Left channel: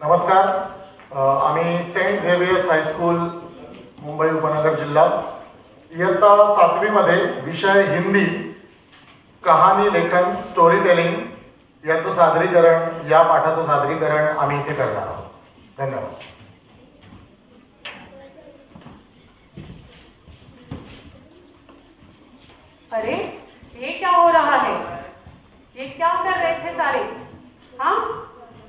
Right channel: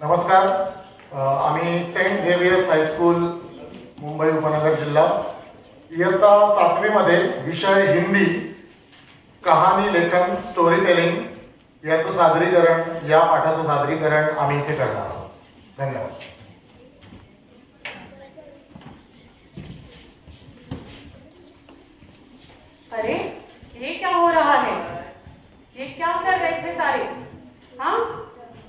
नमस्कार. आम्ही Saint Xavier's high school Mumbai उपनगर जिल्हा इयत्ता 7वी मध्ये विषय हिंदी कहाणी लेखन स्टोरी टेलिंग याचं सादरीकरण या पाठाचं सादरीकरण आम्ही इथे करणार आहोत. धन्यवाद. अरे ये क्या हो रहा है? ये क्या कर रहे थे सारे? हाँ,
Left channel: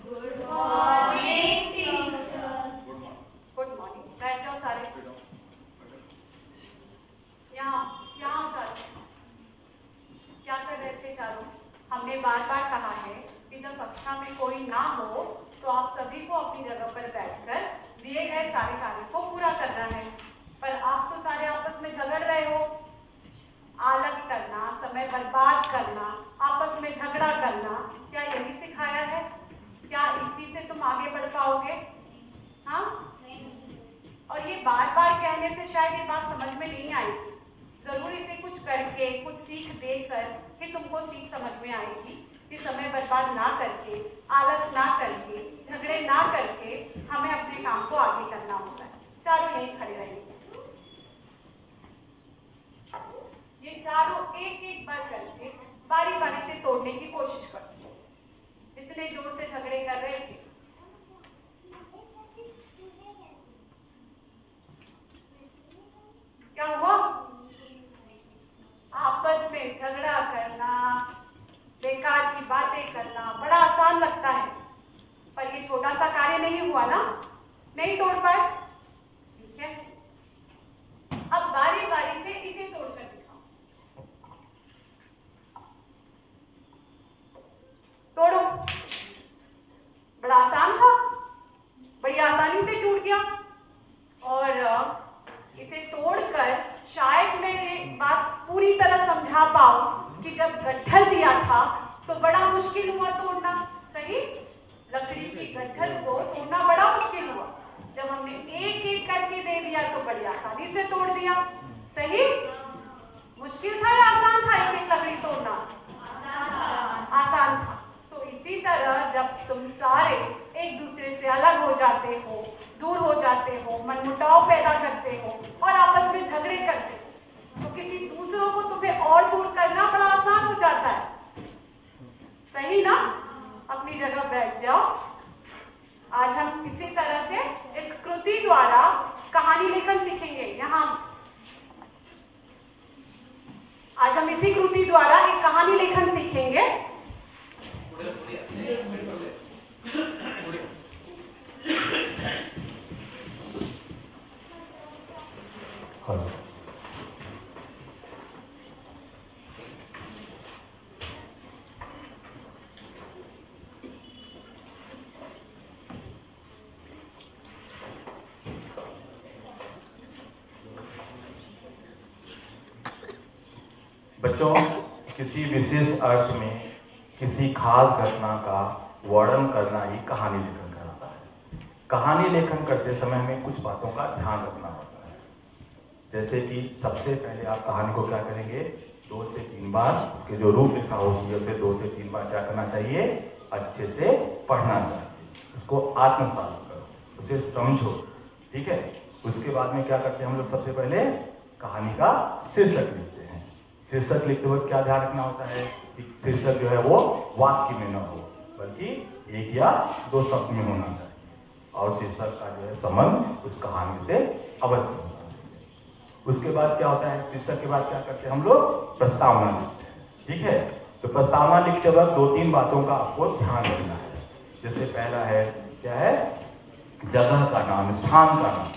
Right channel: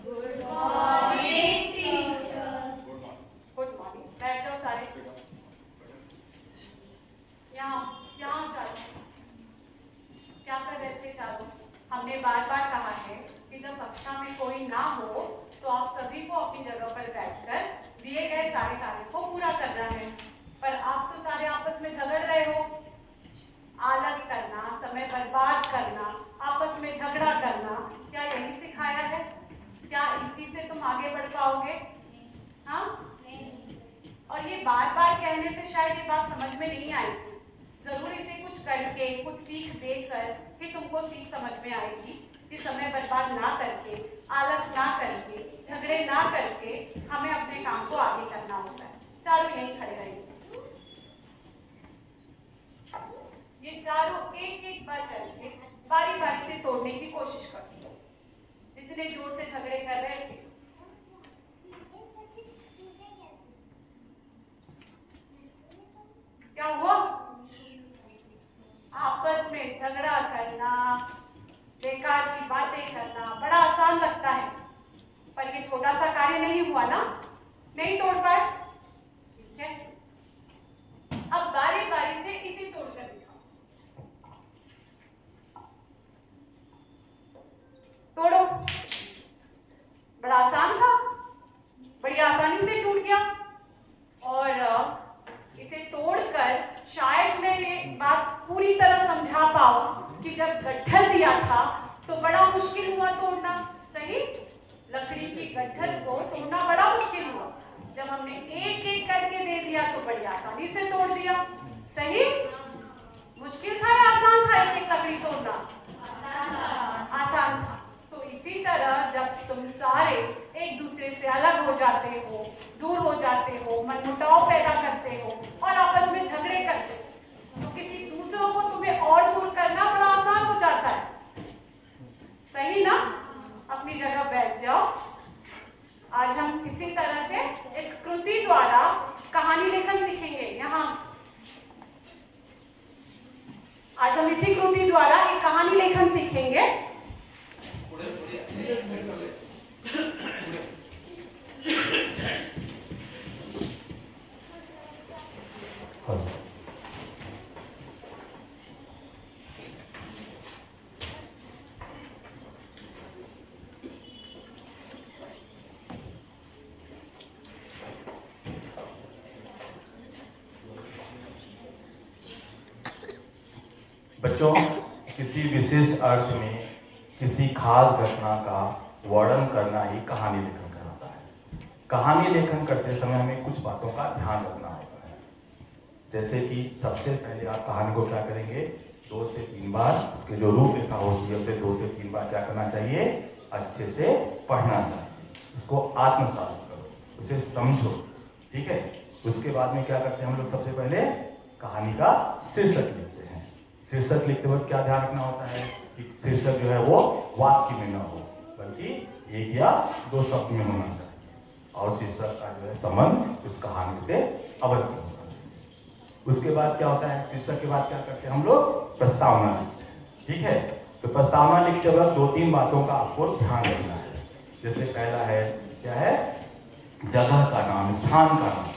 good morning teacher. Good morning. बैठ जाओ सारे. यहाँ चारों क्या कर रहे थे चारों? हमने बार बार कहा है कि जब कक्षा में कोई ना हो तो आप सभी को अपनी जगह पर बैठकर दिए गए सारे कार्य को पूरा करना है. पर आप तो सारे आपस में झगड़ रहे हो. आलस करना, समय बर्बाद करना, आपस में झगड़ा करना, क्या यही सिखाया है? क्या इसी से तुम आगे बढ़ पाओगे? हाँ? और ये बार बार कहने से शायद ये बात समझ में नहीं आएगी. जरूर इसे कुछ करके, कुछ सीख देकर कि तुमको सीख समझ में आएगी कि समय बर्बाद ना करके, आलस ना करके, झगड़े ना करके हमें अपने काम को आगे करना होता है. चारों यही खड़े रहेंगे. ये चारों एक एक बार करके बारी बारी से तोड़ने की कोशिश करती हो. इतने जोर से झगड़े कर रहे थे. क्या हुआ? आपस में झगड़ा करना, बेकार की बातें करना बड़ा आसान लगता है, पर ये छोटा सा कार्य नहीं हुआ ना, नहीं तोड़ पाए. ठीक है, अब बारी बारी से इसे तोड़कर दिखाओ. तोड़ो. बड़ा आसान था, बड़ी आसानी से टूट गया. और इसे तोड़कर शायद मैं एक बात पूरी तरह समझा पाऊं कि जब गट्ठल दिया था तो बड़ा मुश्किल हुआ तोड़ना. सही? लकड़ी की गट्ठल को तोड़ना बड़ा मुश्किल हुआ. जब हमने एक एक करके दे दिया तो बड़ी आसानी से तोड़ दिया. सही? मुश्किल था या आसान था एक एक लकड़ी तोड़ना? आसान था. तो इसी तरह जब तुम सारे एक दूसरे से अलग हो जाते हो, दूर हो जाते हो, मनमुटाव पैदा करते हो और आपस में झगड़े करते हो, तो किसी दूसरों को तुम्हें और दूर करना बड़ा आसान हो जाता है. सही ना? अपनी जगह बैठ जाओ. आज हम इसी तरह से इस कृति द्वारा कहानी लेखन सीखेंगे. यहाँ आज हम इसी कृति द्वारा एक कहानी लेखन सीखेंगे. बच्चों, किसी विशेष अर्थ में किसी खास घटना का वर्णन करना ही कहानी लेखन कहलाता है. कहानी लेखन करते समय हमें कुछ बातों का ध्यान रखना होता है. जैसे कि सबसे पहले आप कहानी को क्या करेंगे, 2 से 3 बार उसके जो रूपरेखा होती है उसे 2 से 3 बार क्या करना चाहिए, अच्छे से पढ़ना चाहिए. उसको आत्मसात करो, उसे समझो. ठीक है. उसके बाद में क्या करते हैं हम लोग, सबसे पहले कहानी का शीर्षक लिखते हैं. शीर्षक लिखते वक्त क्या ध्यान रखना होता है कि शीर्षक जो है वो वाक्य में न हो, बल्कि 1 या 2 शब्द में होना चाहिए. और शीर्षक का जो है संबंध उस कहानी से अवश्य होना चाहिए. उसके बाद क्या होता है, शीर्षक के बाद क्या करते हैं हम लोग, प्रस्तावना लिखते हैं. ठीक है. तो प्रस्तावना लिखते वक्त 2-3 बातों का आपको ध्यान रखना है. जैसे पहला है, क्या है, जगह का नाम, स्थान का नाम.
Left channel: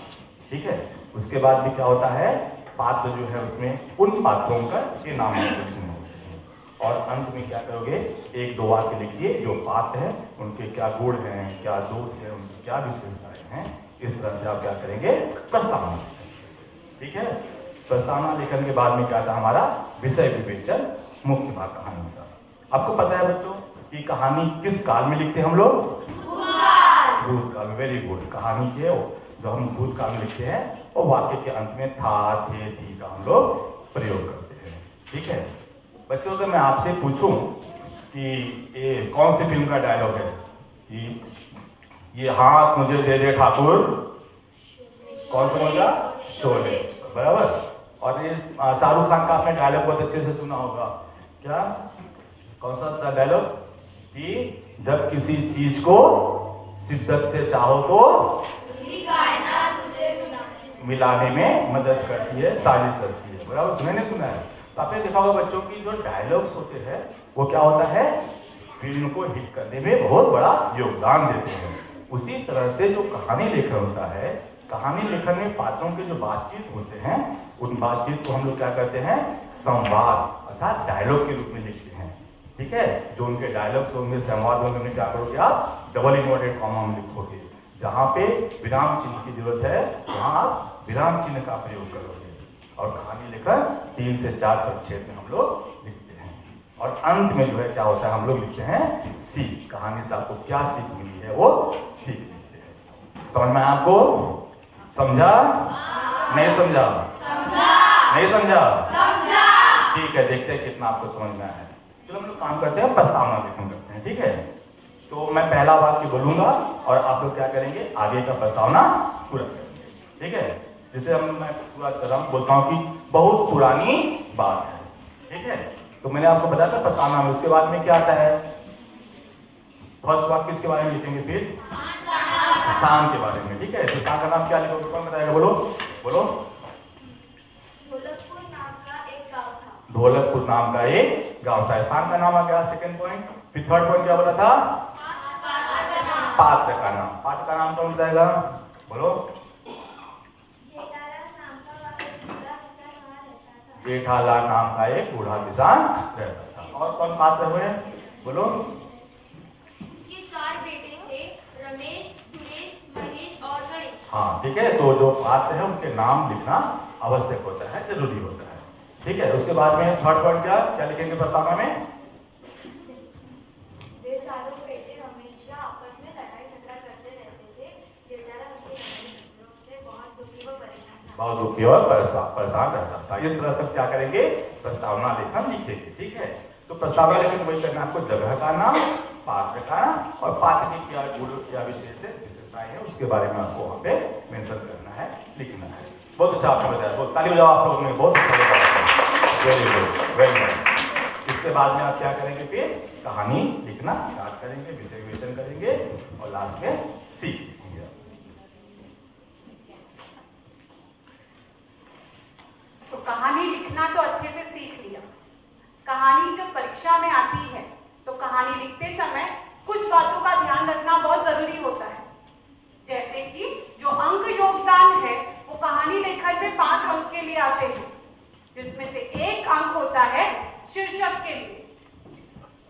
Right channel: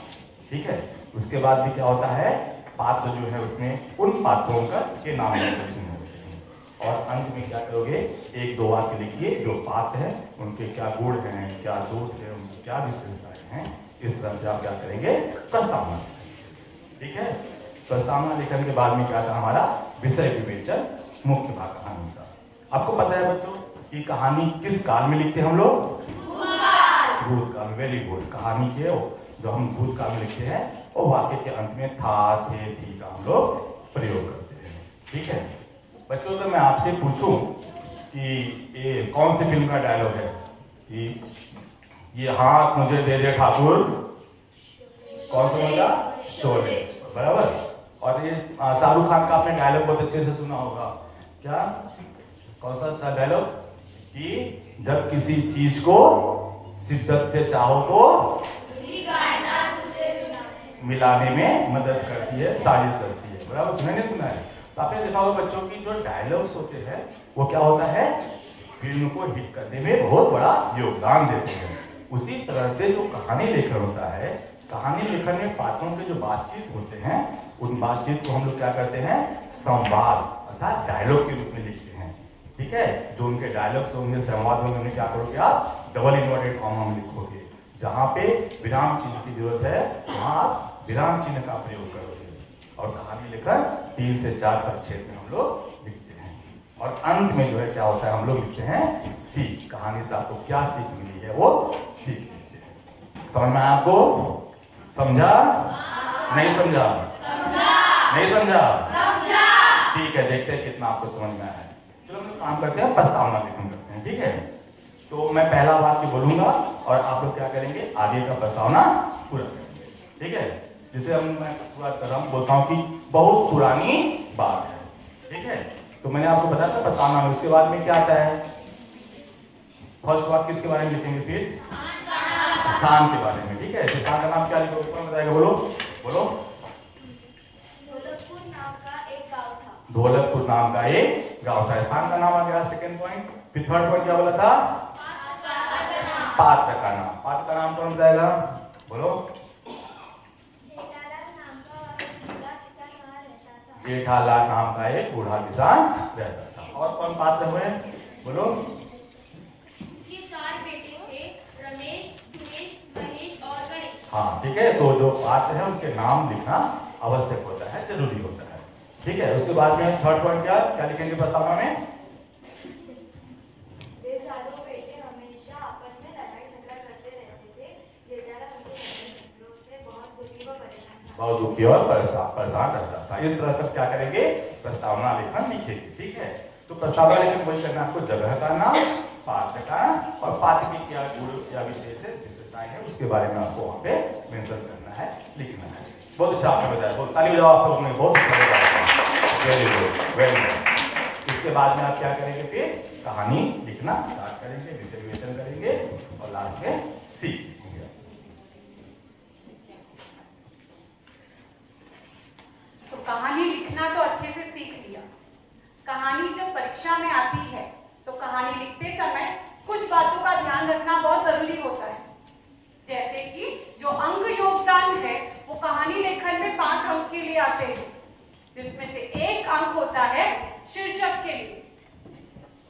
ठीक है. उसके बाद भी क्या होता है, पात्र जो है उसमें उन पात्रों का के नाम लिखने होते हैं. और अंत में क्या करोगे, 1-2 वाक्य लिखिए जो पात्र हैं उनके क्या गुण हैं, क्या दोष है, उनकी क्या विशेषताएं हैं. इस तरह से आप क्या करेंगे, प्रस्तावना. ठीक है. प्रस्तावना लिखने के बाद में क्या था हमारा विषय विवेचन, मुख्य भाग कहानी का. आपको पता है बच्चों कि कहानी किस काल में लिखते हैं हम लोग, भूतकाल. Very good. कहानी के जो हम भूतकाल में लिखते हैं वो वाक्य के अंत में था, थे, थी का हम लोग प्रयोग करते हैं. ठीक है. बच्चों, अगर मैं आपसे पूछूं कि ये कौन सी फिल्म का डायलॉग है कि ये हाथ मुझे दे दे ठाकुर, कौन सा बोला? शोले, बराबर। और ये शाहरुख खान का आपने डायलॉग बहुत अच्छे से सुना होगा, क्या, कौन सा डायलॉग, कि जब किसी चीज को शिद्दत से चाहो तो मिलाने में मदद करती है, साजिश रचती है, बराबर। सुना नहीं सुना है? तो आपने देखा होगा बच्चों की जो डायलॉग्स होते हैं वो क्या होता है, फिल्म को हिट करने में बहुत बड़ा योगदान देते हैं। उसी तरह से जो कहानी लेखन होता है, कहानी लेखन में पात्रों के जो बातचीत होते हैं, उन बातचीत को हम लोग क्या करते हैं, संवाद अर्थात डायलॉग के रूप में लिखते हैं। ठीक है, जो उनके डायलॉग्स होंगे, संवाद में उन्हें क्या करोगे आप, डबल इन्वर्टेड कॉमा में लिखोगे। जहाँ पे विराम चिन्ह की जरूरत है वहाँ आप विराम चिन्ह का प्रयोग करोगे। और कहानी लेखन 3 से 4 परिच्छेद में हम लोग लिखते हैं। और अंत में जो है क्या होता है, हम लोग लिखते हैं सीख। कहानी से आपको क्या सीख मिली है वो सीख लिखते हैं। समझ में आपको? समझा? नहीं समझा? नहीं समझा? ठीक है, देखते हैं कितना आपको समझ में आया है। चलो हम लोग काम करते हैं, प्रस्तावना लेखन करते हैं। ठीक है, तो मैं पहला वाक्य बोलूंगा और आप लोग क्या करेंगे, आगे का प्रस्तावना पूरा करेंगे। ठीक है, जैसे मैं शुरुआत कर रहा हूँ, बोलता हूँ कि बहुत पुरानी बात है। ठीक है, तो मैंने आपको बताया था प्रस्तावना में, उसके बाद में क्या आता है, फर्स्ट वाक्य किसके बारे में लिखेंगे, फिर स्थान के बारे में। ठीक है, तो स्थान का नाम क्या लिखोगे, कौन बताएगा, बोलो बोलो। ढोलकपुर नाम का एक गांव था। ढोलकपुर नाम का एक गांव था। स्थान का नाम आ गया, सेकंड पॉइंट। फिर थर्ड पॉइंट क्या बोला था, पात्र का नाम। पात्र का नाम कौन बताएगा, बोलो। जेठालाल नाम का एक बूढ़ा किसान रहता था। और कौन पात्र हुए, बोलो। उनके 4 बेटे थे, रमेश, सुरेश, महेश और गणेश। हाँ, ठीक है, तो जो पात्र है उनके नाम लिखना आवश्यक होता है, जरूरी होता है। ठीक है, उसके बाद में थर्ड पॉइंट क्या क्या लिखेंगे प्रस्तावना में, वे चारों बेटे हमेशा आपस में लड़ाई झगड़ा करते रहते थे। जेठालाल उनके लड़ाई झगड़ों से बहुत दुखी व परेशान था। बहुत दुखी और परेशान रहता था। इस तरह से क्या करेंगे, प्रस्तावना लेखन लिखेंगे। ठीक है, तो प्रस्तावना लेखन वही करना, आपको जगह का नाम, पात्र का नाम और पात्र की क्या गुण क्या विशेषताएं है उसके बारे में आपको वहाँ पे मेंशन करना है, लिखना है। बहुत अच्छा आपने बताया, बहुत ताली बजाओ आप लोगों ने, बहुत अच्छा, वेरी गुड, वेरी गुड। इसके बाद में आप क्या करेंगे, फिर कहानी लिखना स्टार्ट करेंगे, विषय विवेचन करेंगे और लास्ट में सीख लिखेंगे। तो कहानी लिखना तो अच्छे से सीख लिया। कहानी जब परीक्षा में आती है तो कहानी लिखते समय कुछ बातों का ध्यान रखना बहुत जरूरी होता है। जैसे कि जो अंक योगदान है वो कहानी लेखन में 5 अंक के लिए आते हैं, जिसमें से 1 अंक होता है शीर्षक के लिए।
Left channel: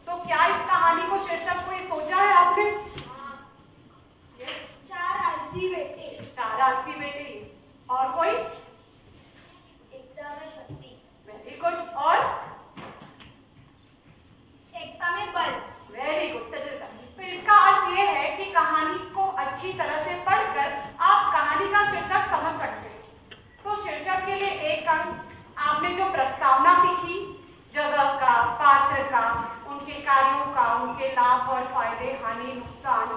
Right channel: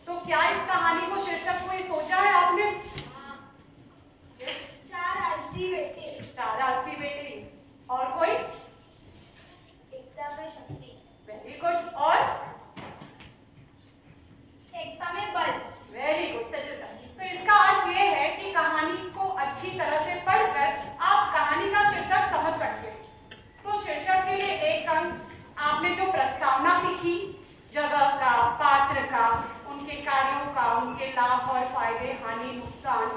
तो क्या इस कहानी को शीर्षक को ये सोचा है आपने? 4 आलसी बेटे। 4 आलसी बेटे। और कोई? एकता में शक्ति। Very good. और एकता में बल। Very good Sachita. तो इसका अर्थ ये है कि कहानी को अच्छी तरह से पढ़कर आप कहानी का शीर्षक समझ सकते हैं। तो शीर्षक के लिए 1 अंक। आपने जो प्रस्तावना सीखी, जगह का, पात्र का, उनके कार्यों का, उनके लाभ और फायदे, हानि, नुकसान